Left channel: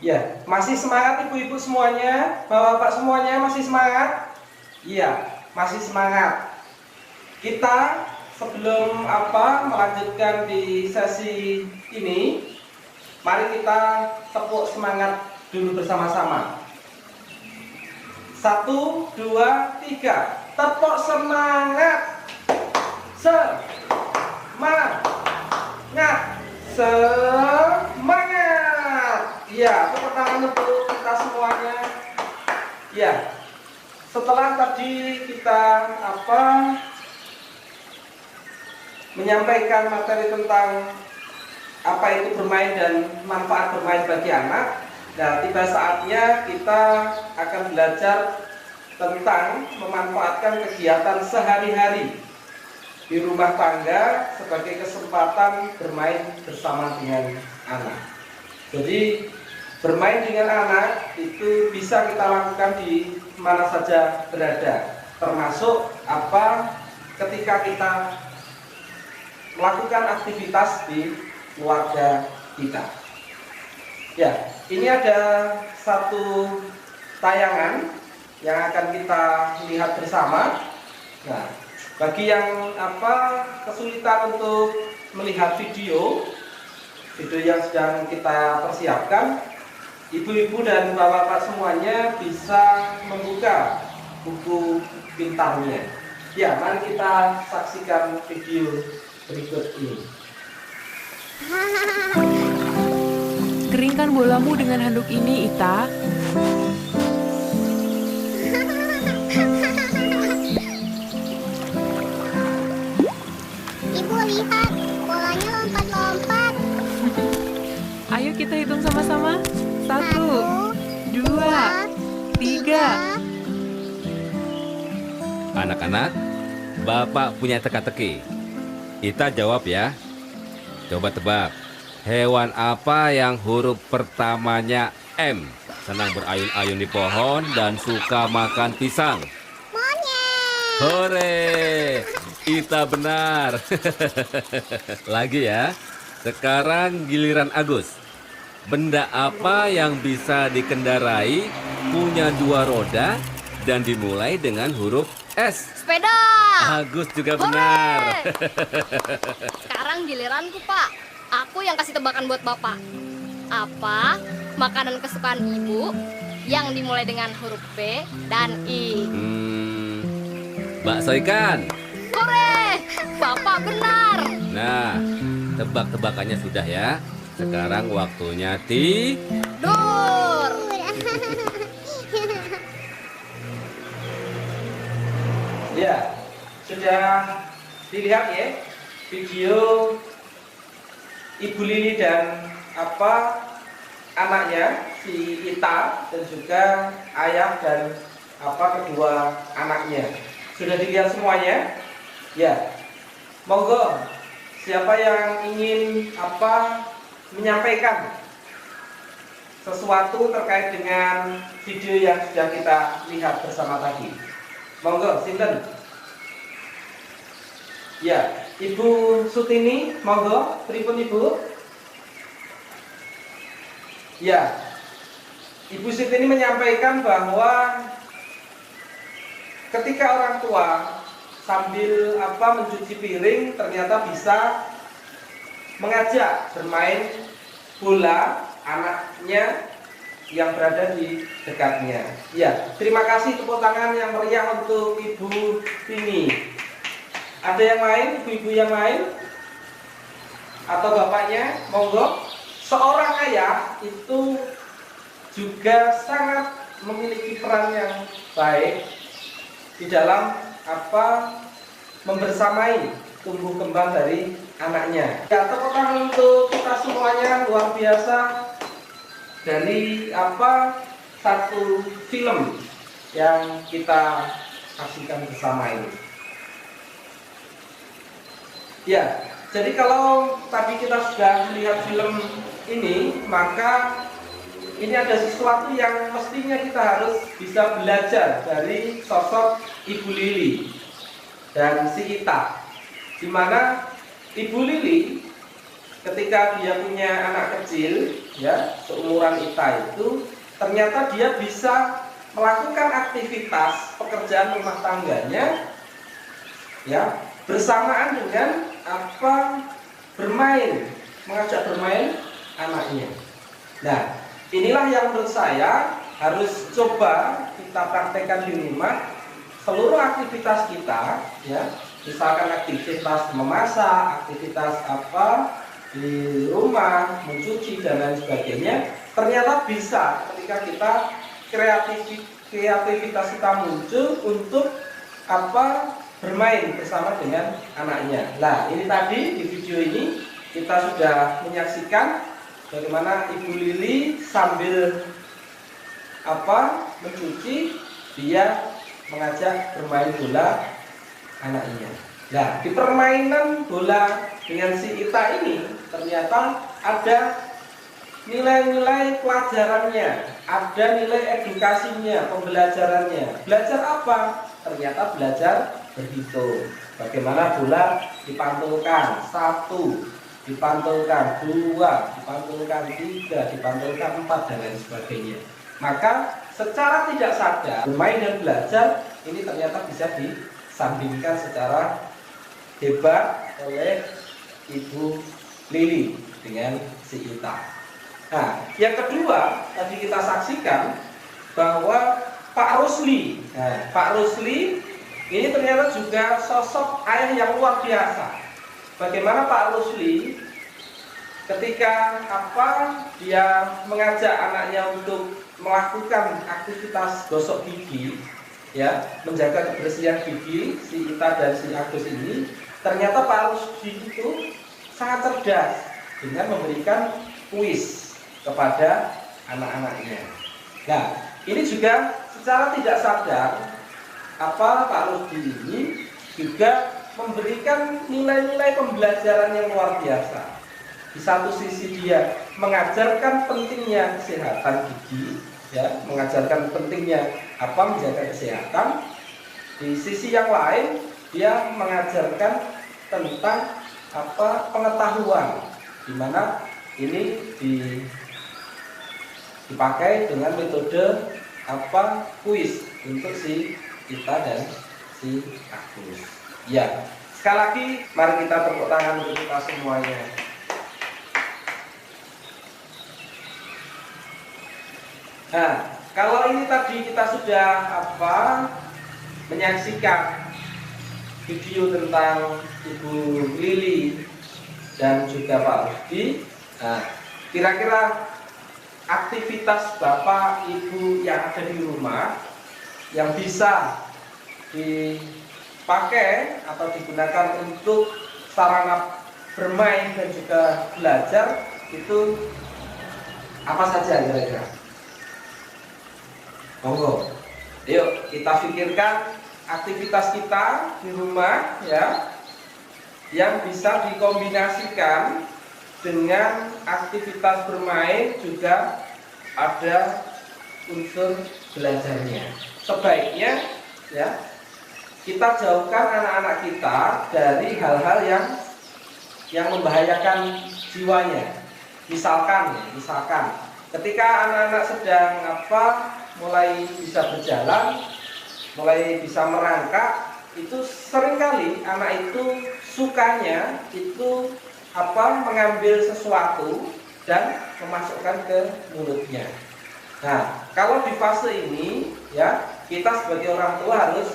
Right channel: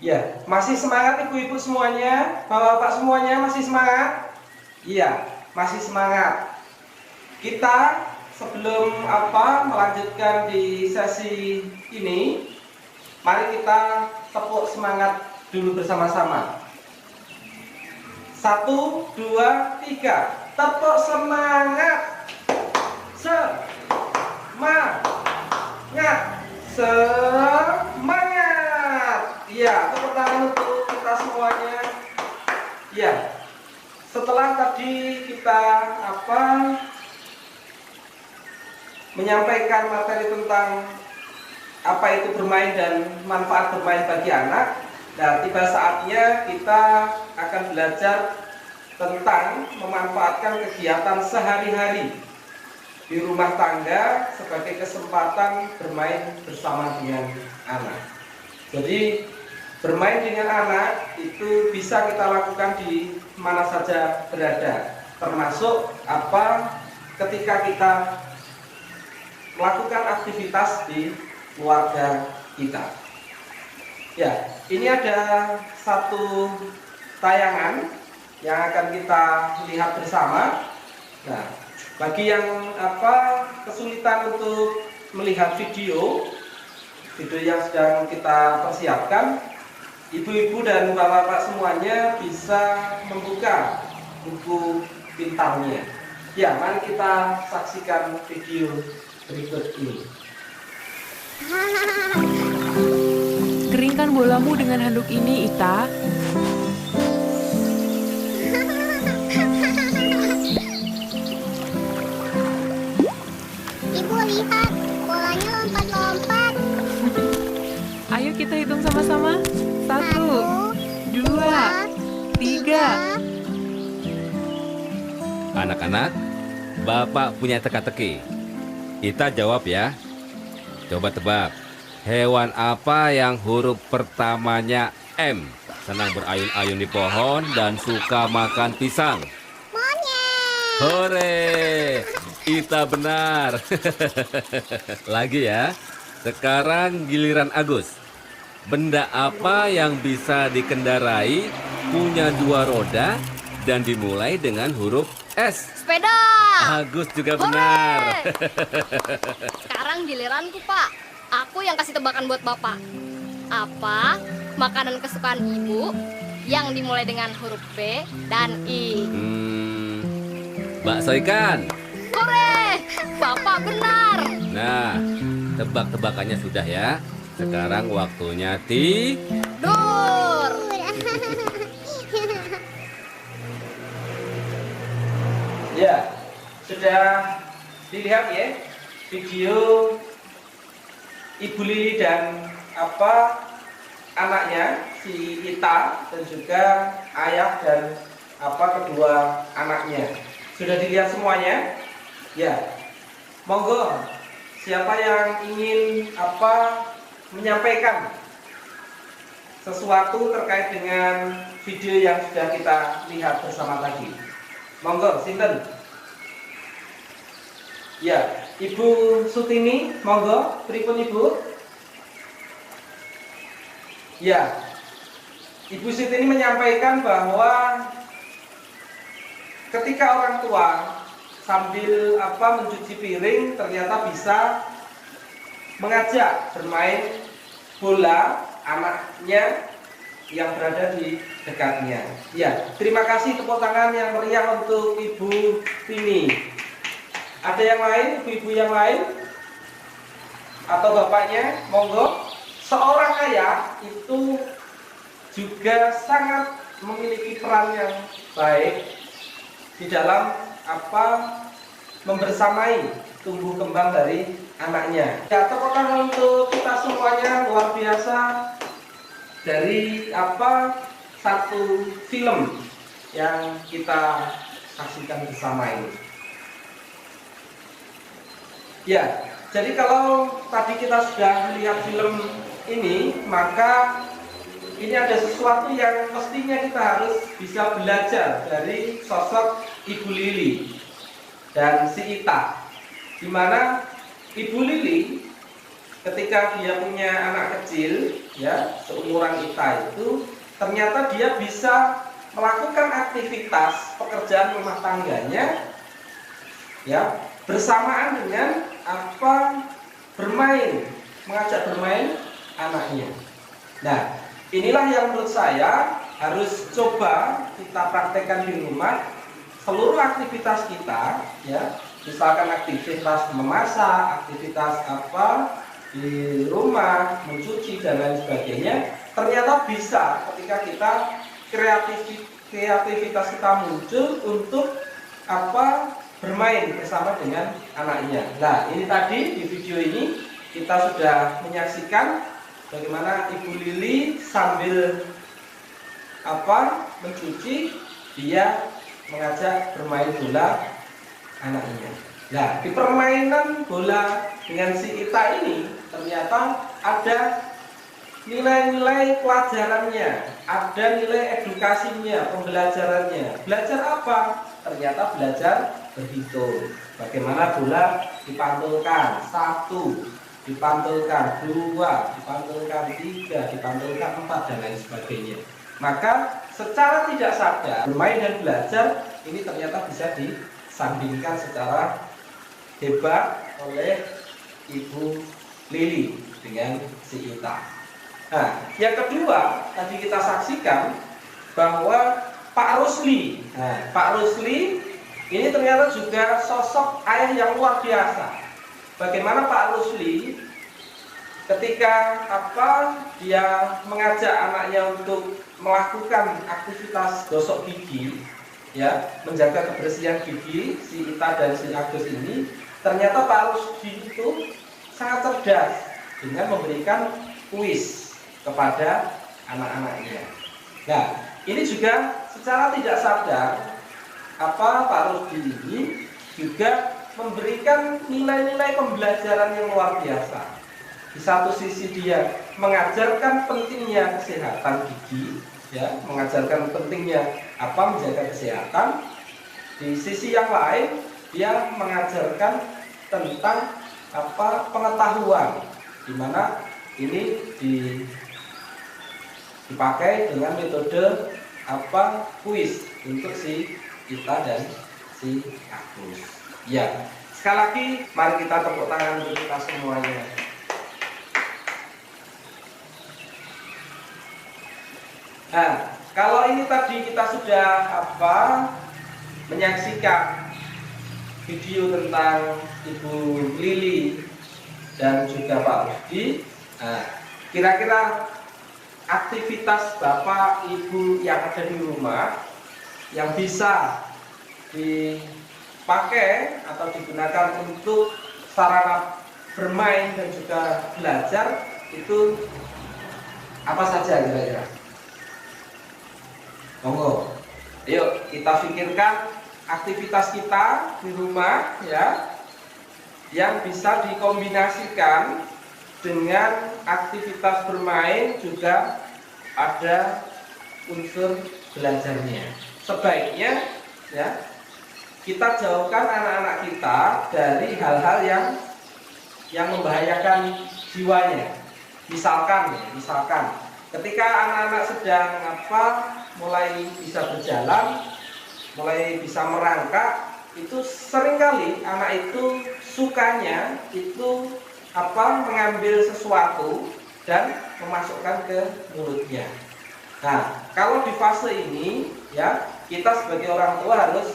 Ya, masih semangat ibu-ibu semuanya, bapak-bapak semuanya masih semangat? Iya, masih semangat. Kita sebelum melanjutkan di sesi ini, mari kita tepuk semangat dulu bersama-sama. 1, 2, 3, tepuk semangat. Semangat, semangat. Iya, tepuk tangan untuk kita semuanya. Iya, setelah tadi kita menyampaikan materi tentang apa itu bermain dan manfaat bermain bagi anak. Nah, tiba saatnya kita akan belajar tentang memanfaatkan kegiatan sehari-hari di rumah tangga sebagai kesempatan bermain bersama dengan anak. Jadi bermain dengan anak itu bisa kita lakukan di mana saja berada, termasuk ketika kita melakukan aktivitas di keluarga kita. Ya, ini ada satu tayangan yang akan kita lihat bersama. Nah, bagi yang kesulitan untuk melihat video yang sedang kita persiapkan, ibu-ibu dan bapak-bapak semuanya bisa membuka buku pintarnya. Ya, mari kita saksikan video berikut ini. Keringkan bolamu dengan handuk ini, Ita. Ibu lihat, bolanya lompat-lompat. Ayo kita hitung sama-sama. 1, 2, 3. Anak-anak, Bapak punya teka-teki. Ita jawab ya. Coba tebak, hewan apa yang huruf pertamanya M? Senang berayun-ayun di pohon dan suka makan pisang. Monyet. Hore, Ita benar. Lagi ya. Sekarang giliran Agus. Benda apa yang bisa dikendarai, punya 2 roda, dan dimulai dengan huruf S? Sepeda. Agus juga benar. Sekarang giliranku, Pak. Aku yang kasih tebakan buat Bapak. Apa makanan kesukaan Ibu yang dimulai dengan huruf B dan I? Bakso ikan. Hore! Bapak benar. Nah, tebak-tebakannya sudah ya. Sekarang waktunya Dur. Ya, sudah dilihat ya video Ibu Lili dan anaknya si Ita dan juga ayah dan kedua anaknya. Sudah dilihat semuanya? Ya. Monggo, siapa yang ingin menyampaikan sesuatu terkait dengan video yang sudah kita lihat bersama tadi? Monggo, sinten? Ya, Ibu Sutini, monggo, pripun Ibu? Ya, Ibu Sutini menyampaikan bahwa ketika orang tua sambil mencuci piring ternyata bisa mengajak bermain bola anaknya yang berada di dekatnya. Ya, terima kasih tepuk tangan yang meriah untuk Ibu Tini. Ada yang lain, ibu-ibu yang lain? Atau bapaknya? Monggo. Seorang ayah itu juga sangat memiliki peran yang baik di dalam membersamai tumbuh kembang dari anaknya. Ya, tepuk tangan untuk kita semuanya, luar biasa. Dari satu film yang kita saksikan bersama ini. Ya, jadi kalau tadi kita sudah melihat film ini, maka ini ada sesuatu yang mestinya kita harus bisa belajar dari sosok Ibu Lili dan si Ita, di mana Ibu Lili ketika dia punya anak kecil, ya, seumuran Ita itu, ternyata dia bisa melakukan aktivitas pekerjaan rumah tangganya, ya, bersamaan dengan bermain, mengajak bermain anaknya. Nah, inilah yang menurut saya harus coba kita praktekkan di rumah. Seluruh aktivitas kita, ya, misalkan aktivitas memasak, aktivitas di rumah, mencuci dan lain sebagainya, ternyata bisa ketika kita kreativitas kita muncul untuk bermain bersama dengan anaknya. Nah, ini tadi di video ini kita sudah menyaksikan bagaimana Ibu Lili sambil mencuci, dia mengajak bermain bola anaknya. Nah, di permainan bola dengan si Ita ini ternyata ada nilai-nilai pelajarannya, ada nilai edukasinya, pembelajarannya. Belajar apa? Ternyata belajar berhitung. Bagaimana bola dipantulkan 1, dipantulkan 2, dipantulkan 3, dipantulkan 4 dan lain sebagainya. Maka secara tidak sadar bermain dan belajar ini ternyata bisa disandingkan secara hebat oleh Ibu Lili dengan si Ita. Nah, yang kedua tadi kita saksikan bahwa Pak Rusli. Nah, Pak Rusli ini ternyata juga sosok ayah yang luar biasa. Bagaimana Pak Rusli ketika dia mengajak anaknya untuk melakukan aktivitas gosok gigi, ya, menjaga kebersihan gigi si Ita dan si Agus ini, ternyata Pak Rusli itu sangat cerdas dengan memberikan kuis kepada anak-anaknya. Nah, ini juga secara tidak sadar Pak Rusdi ini juga memberikan nilai-nilai pembelajaran yang luar biasa. Di satu sisi dia mengajarkan pentingnya kesehatan gigi, ya, mengajarkan pentingnya menjaga kesehatan. Di sisi yang lain dia mengajarkan tentang pengetahuan, di mana ini dipakai dengan metode kuis untuk si Ita dan si Agus. Ya, sekali lagi mari kita tepuk tangan untuk kita semuanya. Nah, kalau ini tadi kita sudah menyaksikan video tentang Ibu Lili dan juga Pak Rusdi. Nah, kira-kira aktivitas Bapak Ibu yang ada di rumah yang bisa dipakai atau digunakan untuk sarana bermain dan juga belajar itu apa saja kira-kira? Monggo, yuk kita pikirkan aktivitas kita di rumah, ya, yang bisa dikombinasikan dengan aktivitas bermain juga ada unsur belajarnya. Sebaiknya, ya, kita jauhkan anak-anak kita dari hal-hal yang membahayakan jiwanya. Misalkan ketika anak-anak sedang mulai bisa berjalan, mulai bisa merangkak, itu seringkali anak itu sukanya itu mengambil sesuatu dan memasukkan ke mulutnya. Nah, kalau di fase ini, ya, kita sebagai orang tua harus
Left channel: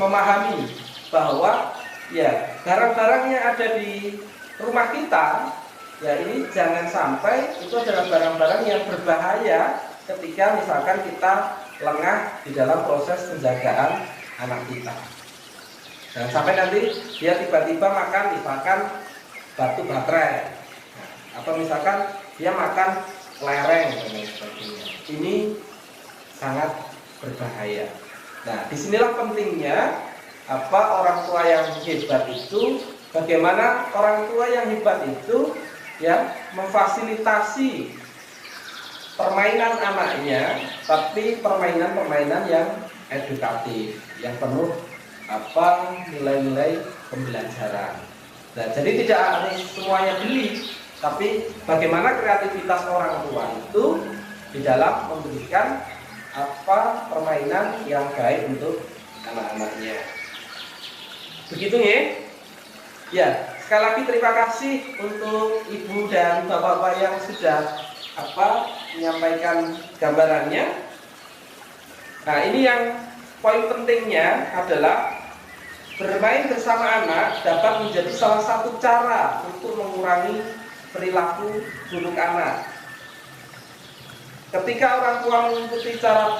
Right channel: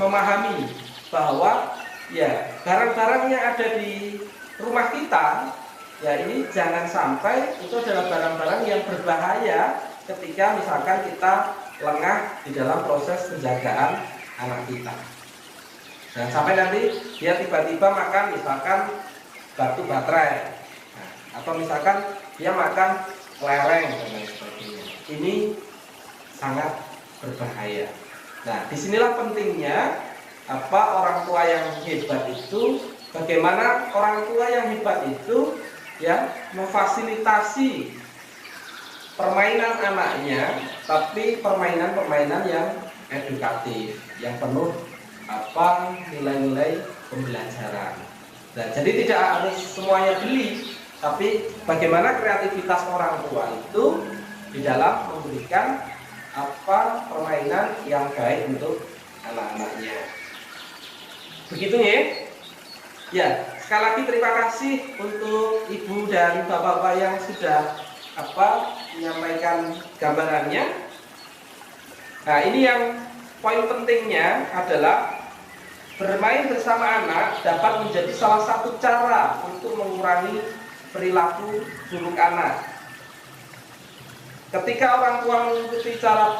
memahami bahwa, ya, barang-barang yang ada di rumah kita, ya, ini jangan sampai itu adalah barang-barang yang berbahaya ketika misalkan kita lengah di dalam proses penjagaan anak kita. Jangan sampai nanti dia tiba-tiba makan misalkan batu baterai, atau misalkan dia makan lereng dan lain sebagainya. Ini sangat berbahaya. Nah, disinilah pentingnya orang tua yang hebat itu. Bagaimana orang tua yang hebat itu, ya, memfasilitasi permainan anaknya, tapi permainan-permainan yang edukatif, yang penuh nilai-nilai pembelajaran. Nah, jadi tidak harus semuanya beli, tapi bagaimana kreativitas orang tua itu di dalam memberikan permainan yang baik untuk anak-anaknya. Begitu ya. Ya, sekali lagi terima kasih untuk ibu dan bapak-bapak yang sudah menyampaikan gambarannya. Nah, ini yang poin pentingnya adalah bermain bersama anak dapat menjadi salah satu cara untuk mengurangi perilaku buruk anak. Ketika orang tua mengikuti cara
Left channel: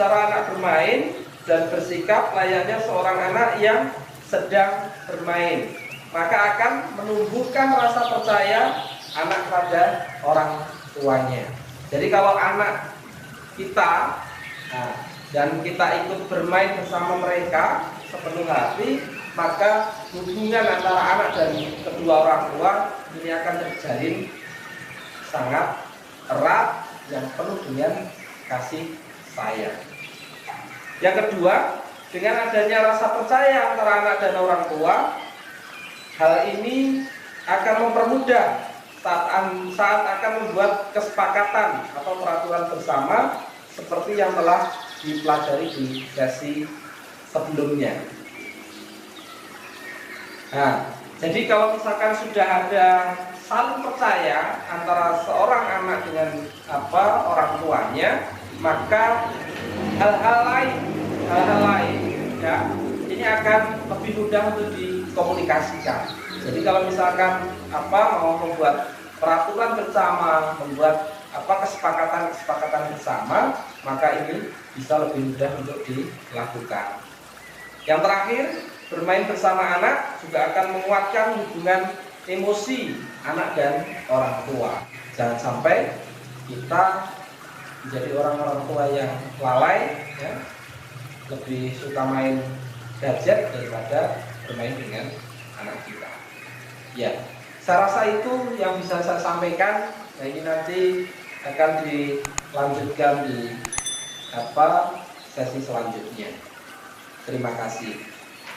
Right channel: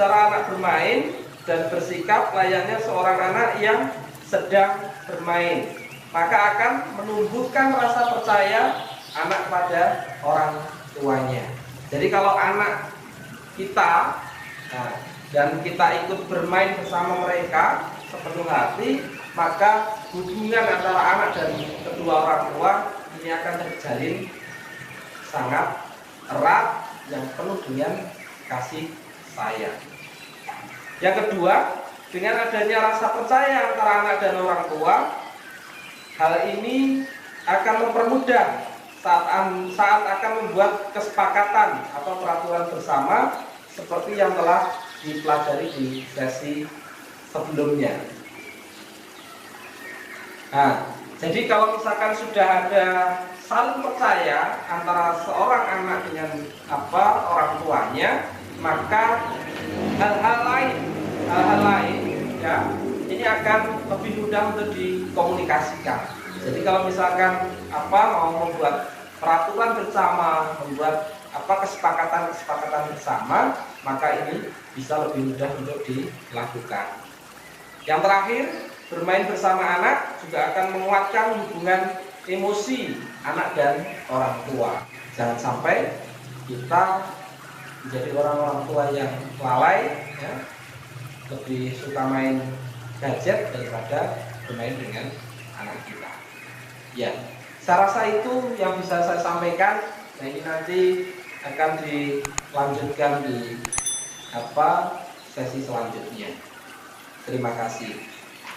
anak bermain dan bersikap layaknya seorang anak yang sedang bermain, maka akan menumbuhkan rasa percaya anak kepada orang tuanya. Jadi kalau anak kita dan kita ikut bermain bersama mereka sepenuh hati, maka hubungan antara anak dan kedua orang tua ini akan terjalin sangat erat yang penuh dengan kasih sayang. Yang kedua, dengan adanya rasa percaya antara anak dan orang tua, hal ini akan mempermudah saat akan membuat kesepakatan atau peraturan bersama seperti yang telah dipelajari di sesi sebelumnya. Nah, jadi kalau misalkan sudah ada saling percaya antara seorang anak dengan orang tuanya, maka hal-hal lain ya ini akan lebih mudah untuk dikomunikasikan. Jadi kalau misalkan mau membuat peraturan bersama, membuat kesepakatan bersama, maka ini bisa lebih mudah untuk dilakukan. Yang terakhir, bermain bersama anak juga akan menguatkan hubungan emosi anak dan orang tua. Jangan sampai kita menjadi orang-orang tua yang lalai, ya, lebih suka main gadget daripada bermain dengan anak kita. Ya, saya rasa itu yang bisa saya sampaikan. Nah, ini nanti akan dilanjutkan di sesi selanjutnya. Terima kasih.